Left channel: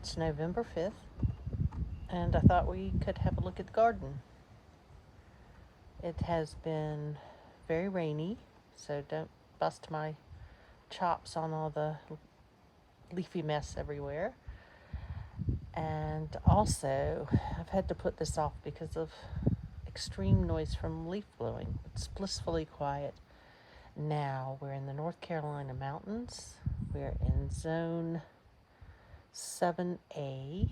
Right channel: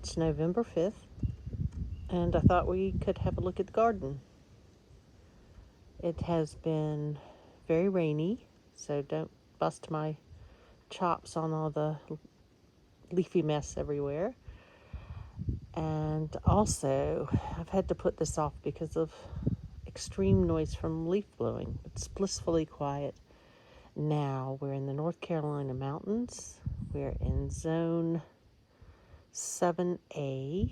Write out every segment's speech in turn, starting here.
It's November 5th, and I thought we could have a look at the garden. It has been very rainy, so don't bust my chops on all the leafy mess everywhere. And also, I've had to put this off because of extreme noise from leaf blowing. It's blissfully quiet. Now we're in the North Carolina mountains. We're in zone 7A,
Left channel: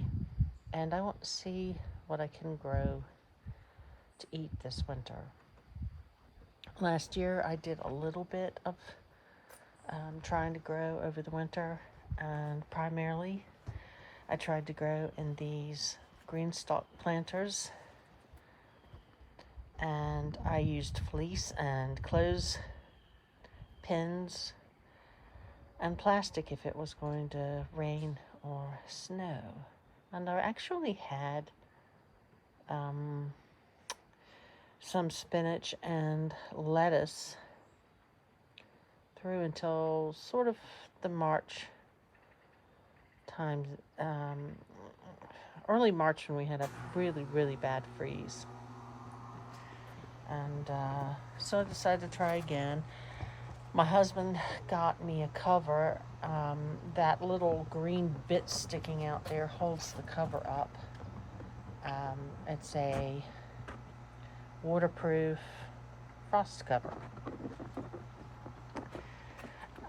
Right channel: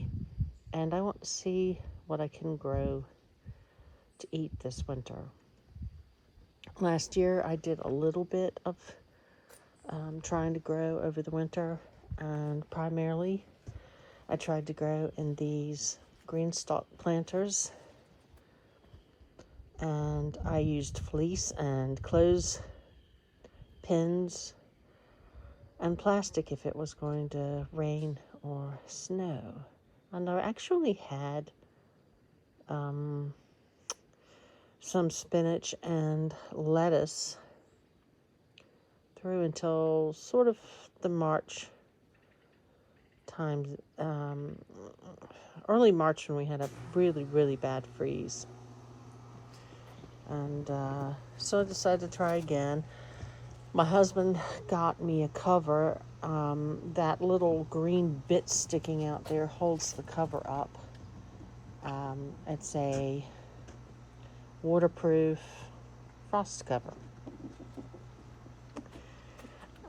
and I want to see what I can grow to eat this winter. Last year I did a little bit of trying to grow over the winter, and primarily I tried to grow in these green stalk planters, and I used fleece and clothes pins and plastic if it was going to rain or snow. And I actually had some spinach and lettuce through until sort of the March time, early March, when we had a really bad freeze. And so I decided to try again. My husband got me a cover. That little green bit sticking out there holds the cover up. It's a waterproof frost cover.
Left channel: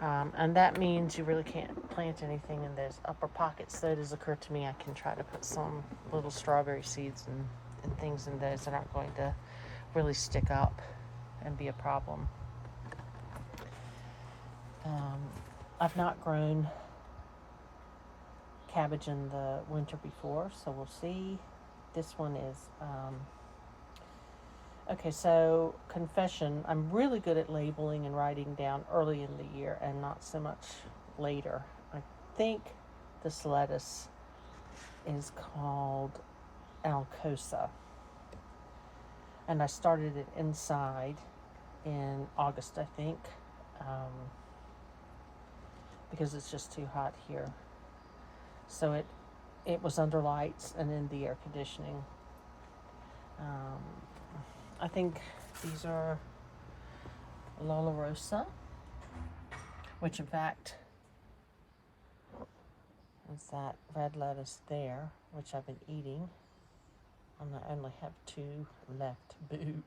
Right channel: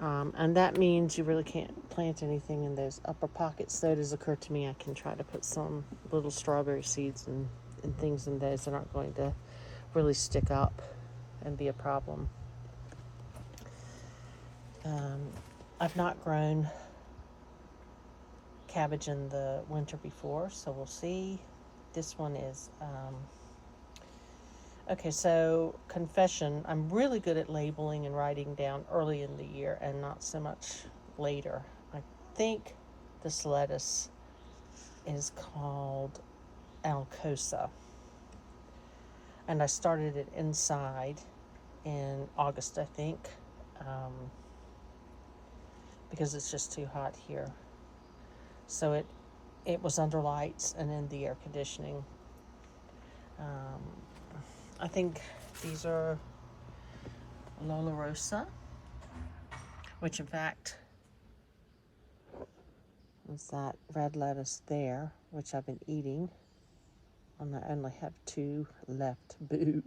And that means you really can't plant anything in those upper pockets. So it has occurred to me I can try to put some little strawberry seeds and things in those that aren't going to really stick up and be a problem. I've not grown cabbage in the winter before, so we'll see. This one is okay, so confession, I'm really good at labeling and writing down early in the year and not so much later. I think this lettuce is called Alcosa, and I started it inside in August, I think, because it's just too hot here. So it was under lights and in the air conditioning. I think these are Lola Rosa, which in fact is that red lettuce there, which I've been eating. And I only have 2 left. Boo.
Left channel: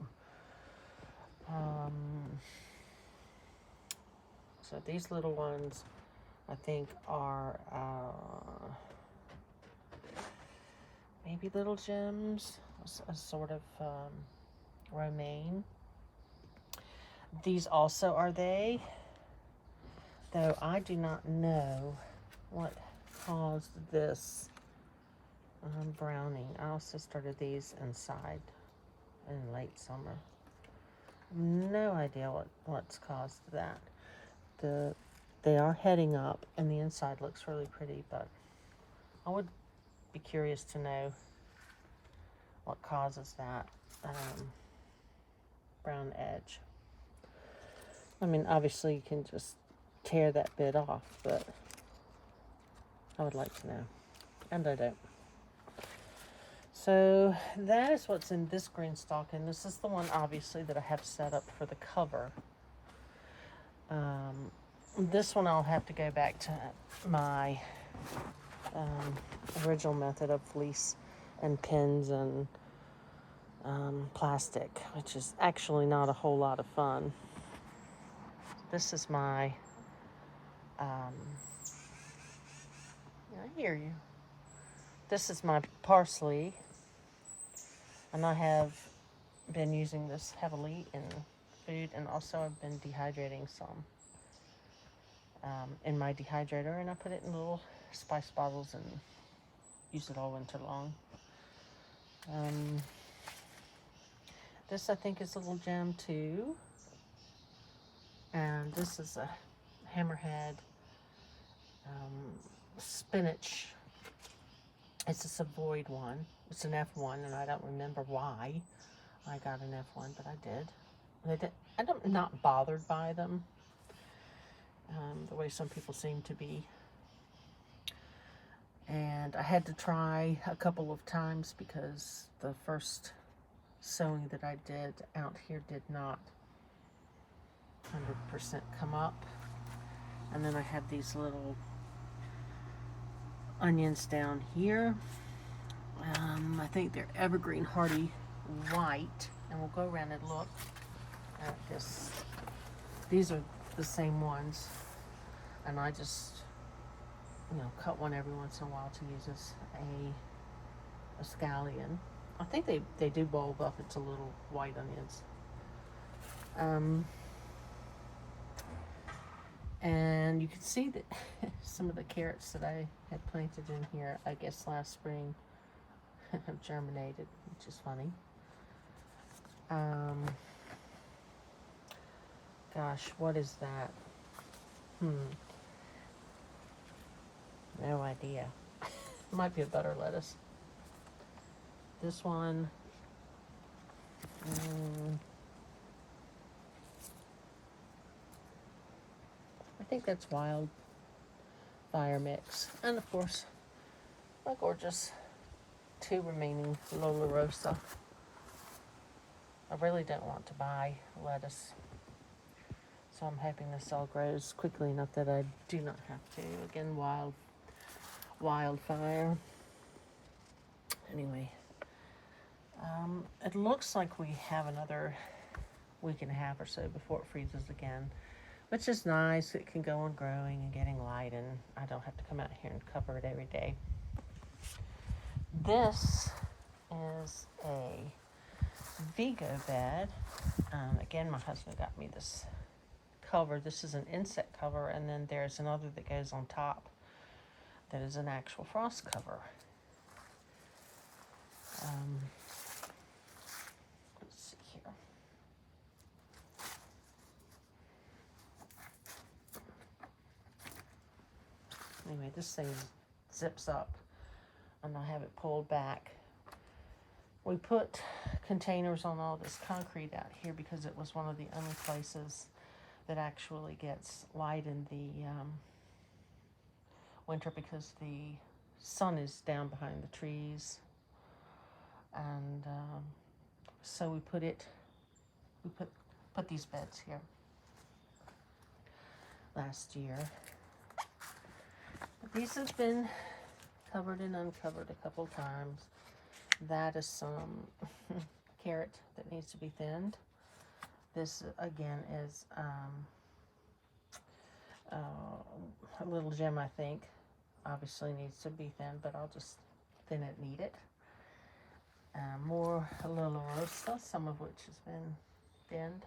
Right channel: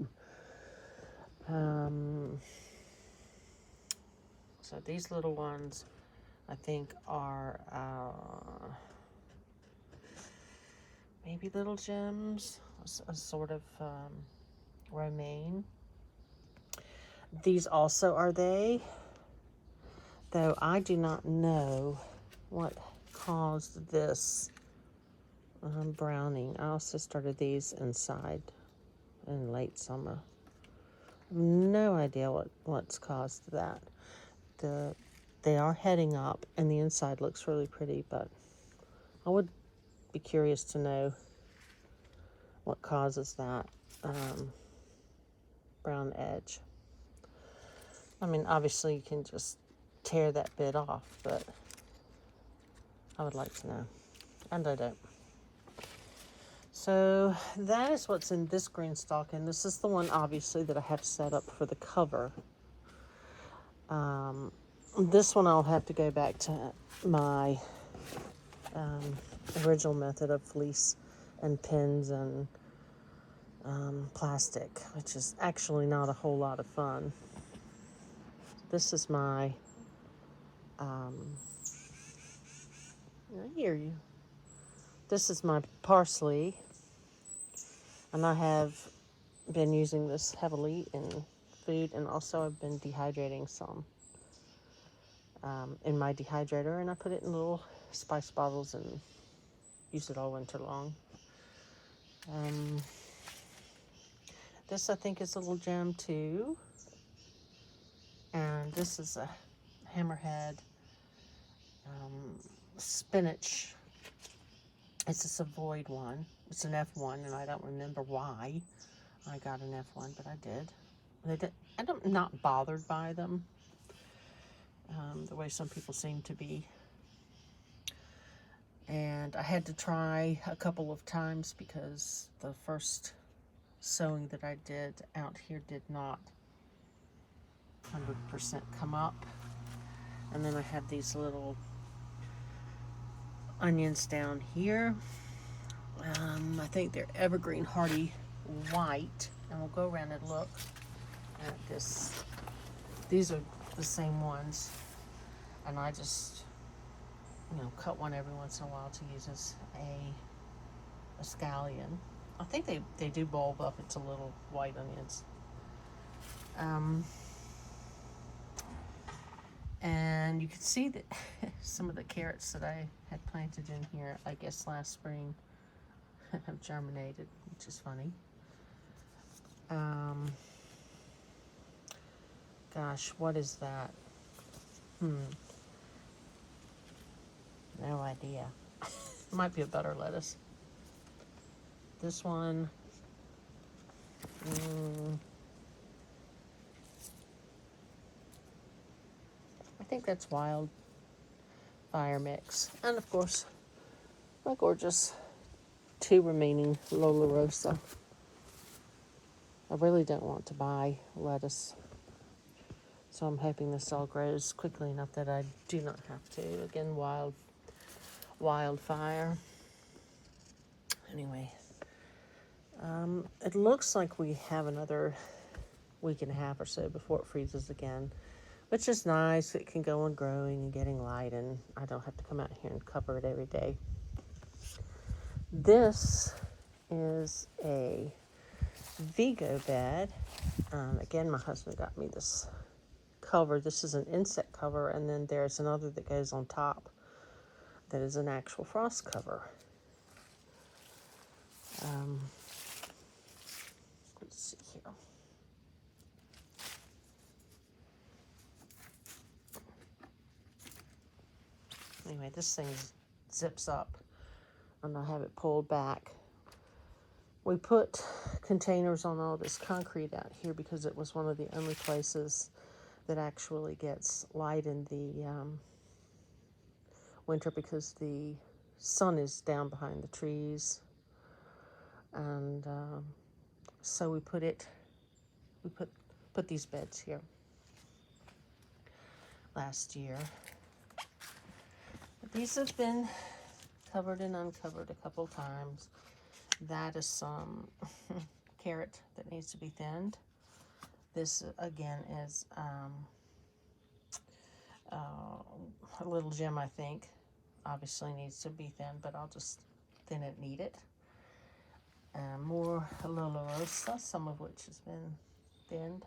So these little ones, I think, are maybe little gems, a sort of romaine. These also are they, though I do not know what caused this browning. I also started these inside in late summer. No idea what's caused that. They are heading up, and the inside looks really pretty, but I would be curious to know what causes that brown edge. I mean, obviously you can just tear that bit off, but I would like to know, and I don't. So that is what's in this green stalk, and this is the one obviously that I have set up for the cover. This one I'll have to go back to my original method of fleece and pins and plastic, which is actually not a whole lot of fun. This is my I hear you. This is my parsley, and I have been using this heavily in food, and also I've been dehydrating some in my dehydrator, and I put it in little spice bottles and use it all winter long. This I think is a little gem too, and this is a hammerhead spinach. It's a Savoyed one. It's an F1, and I don't remember why I got an F1, but I did. I'm not bothered by them the way some people seem to be. And I had to try a couple of times because the first sewing that I did out here did not 100% come up. And then I have these little onions down here. I think they're evergreen hardy white, and we'll go around and look at this. These are the same ones, and I just, cut one every once in a while to use as a scallion. I think they do bulb up into little white onions. And you can see that some of the carrots that I had planted in here, I guess last spring, have germinated, which is funny. Gosh, what is that? No idea. Might be a butter lettuce. This one, I think that's wild fire mix. And of course, my gorgeous 2 remaining Lola Rosa. I really don't want to buy lettuce, so I'm hoping this all grows quickly enough that I do not have to. Again, wildfire. Anyway, it looks like we have another week and a half or so before it freezes again, which is nice. It can go on growing and getting light, and I don't have to come out here and cover it every day. This is a Vigo bed. Again, my husband got me this cover. This is an insect cover, and then there's another that goes on top that is an actual frost cover. Let's see here. Anyway, this thing zips up, and I have it pulled back. We put containers on all this concrete out here because it was one of the only places that actually gets light in the winter, because the sun is down behind the trees. And so we put these beds here last year. But these have been covered and uncovered a couple times. That is some carrot that needs to be thinned. This again is a little gem, I think. Obviously needs to be thinned, but I'll just thin it, knead it. More Lola Rosa, some of which has been thinned.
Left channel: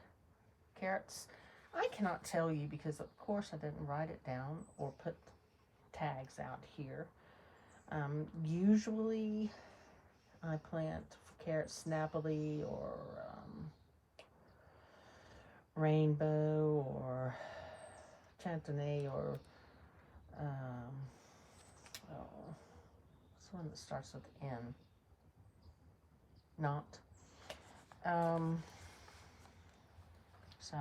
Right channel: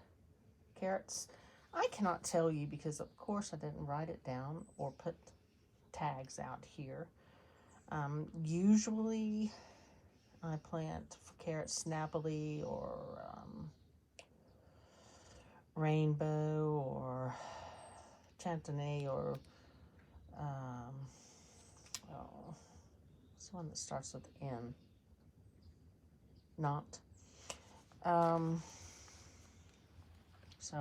Carrots. I cannot tell you because, of course, I didn't write it down or put tags out here. Usually, I plant carrots snappily or rainbow or chantenay or what's the one that starts with N? Not. So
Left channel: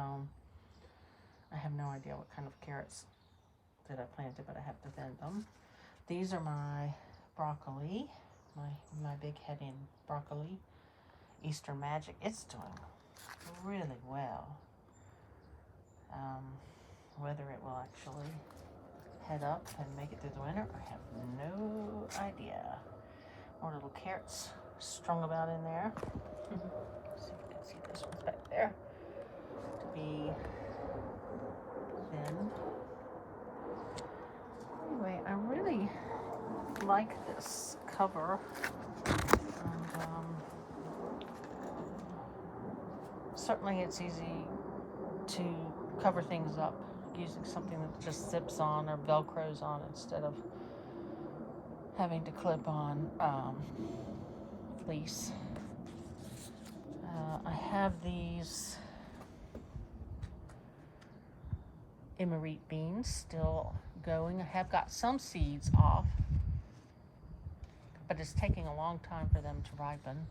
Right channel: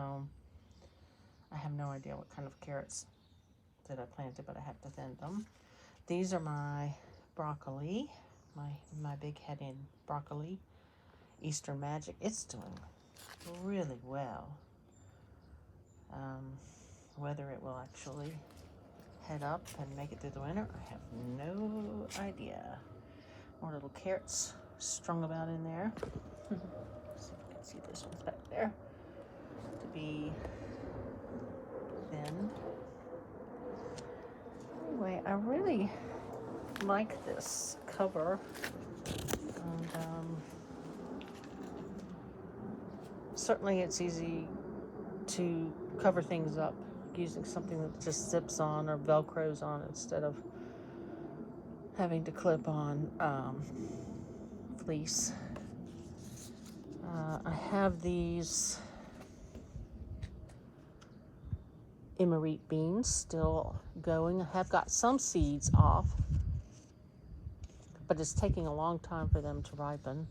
I have no idea what kind of carrots that I planted, but I have to thin them. These are my broccoli, my big headed broccoli, Eastern Magic. It's doing really well. Whether it will actually head up and make it through the winter, I have no idea. More little carrots strung about in there. See if you can see this one's back there to be thinned. Anyway, I really like this cover. And, certainly it's easy to cover things up using something that just zips on or velcros on instead of having to clip on fleece. I have these emerite beans still going. I have got some seeds off, but it's taking a long time for them to ripen.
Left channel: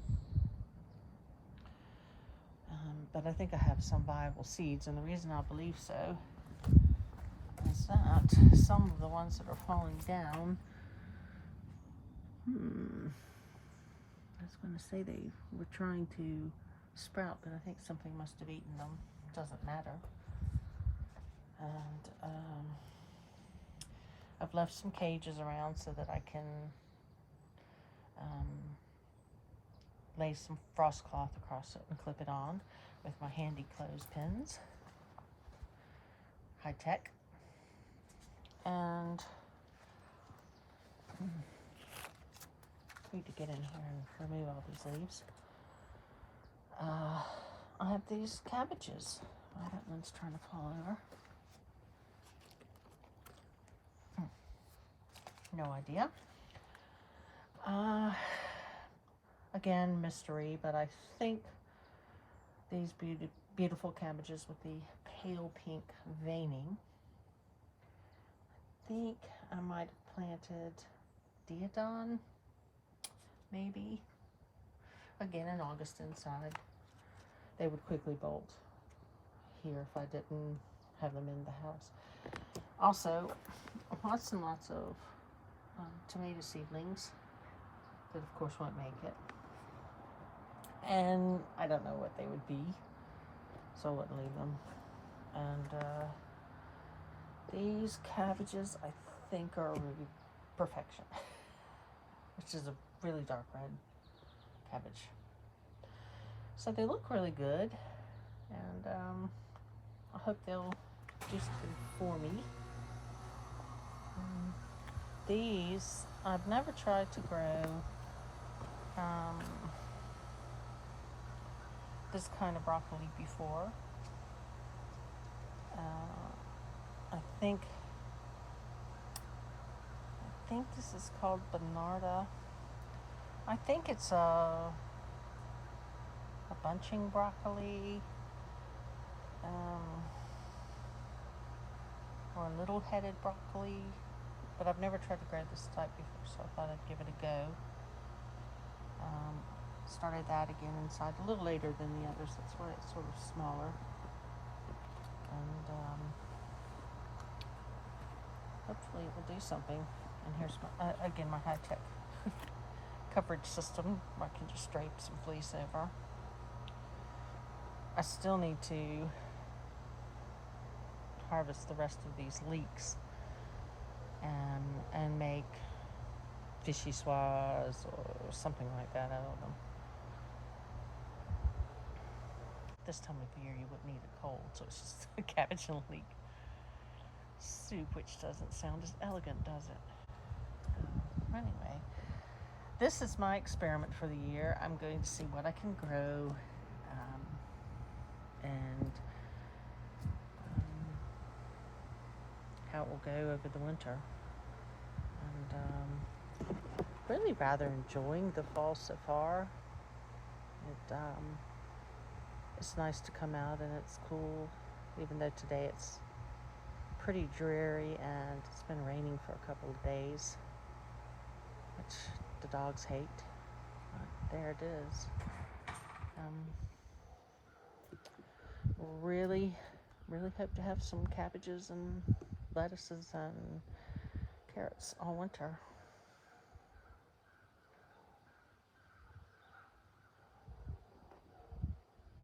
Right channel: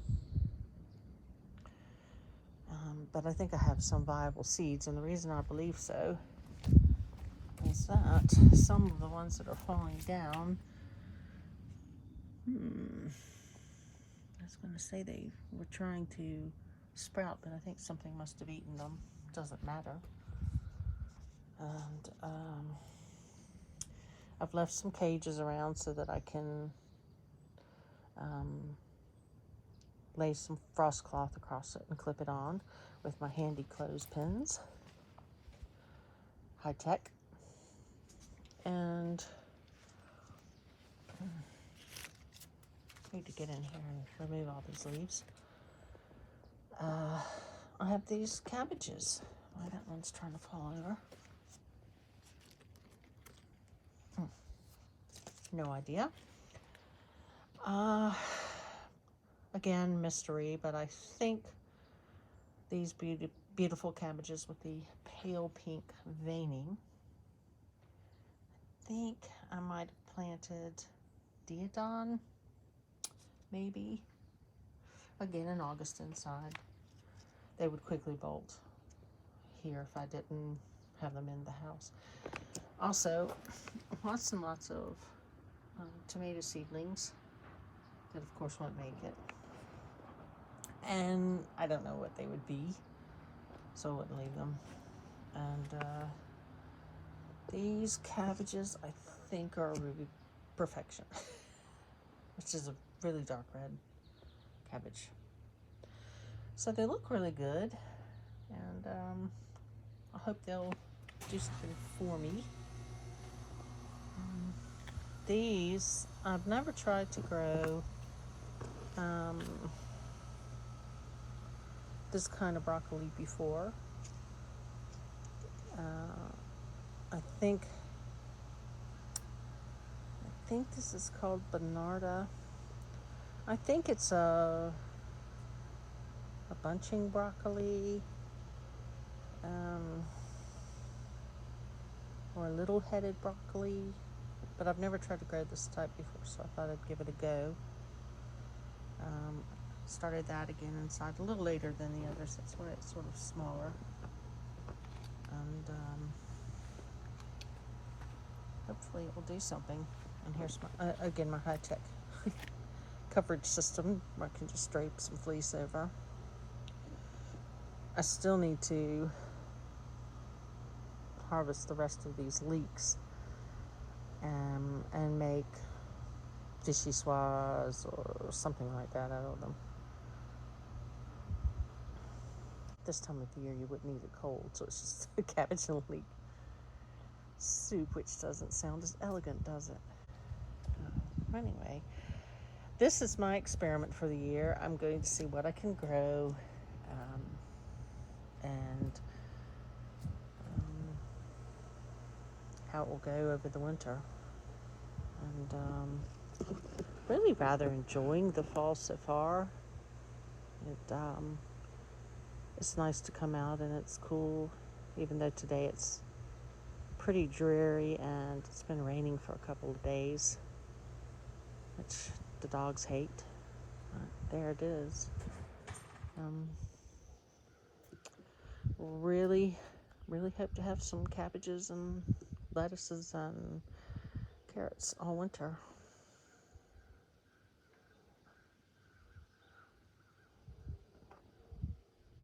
But I think I have some viable seeds, and the reason I believe so is that some of the ones that are falling down I was going to say they were trying to sprout, but I think something must have eaten them. Doesn't matter. And I've left some cages around so that I can lay some frost cloth across it and clip it on with my handy clothespins. High tech. And need to get in here and remove all these leaves. I have these cabbages. Oh, that one's trying to fall over. No idea. Again, mystery, but I think these beautiful cabbages with the pale pink veining, I think I might have planted Diodon, maybe. Again, in August inside. They would quickly bolt here if I didn't have them in the house. Also, lots and lots of tomato seedlings that of course won't make it. And I don't know what they would be, so I wouldn't leave them. And these cabbages I think are Ruby Perfection, which is a really dark red cabbage. So they look really good, and I hope they'll do something for me. These, I've never tried to grow this kind of broccoli before. I think this is called Bernarda. I think it's a bunching broccoli, or a little-headed broccoli, but I've never tried to grow this type before, so I thought I'd give it a go. Started that again inside a little later than the others, that's why it's sort of smaller. And hopefully it will do something. And here's my, again, my high-tech coverage system where I can just drape some fleece over. I still need to harvest the rest of these leeks and make vichyssoise or something like that out of them. This time of year you wouldn't need a cold, so it's just a cabbage and leek soup, which doesn't sound as elegant, does it? Anyway, this is my experiment for the year. I'm going to see what I can grow and how it will go over the winter. And really rather enjoying the fall so far. It's nice to come out and it's cool, even though today it's pretty dreary and it's been raining for a couple of days, which the dogs hate, but there it is. Really hope to have some cabbages and lettuces and carrots all winter.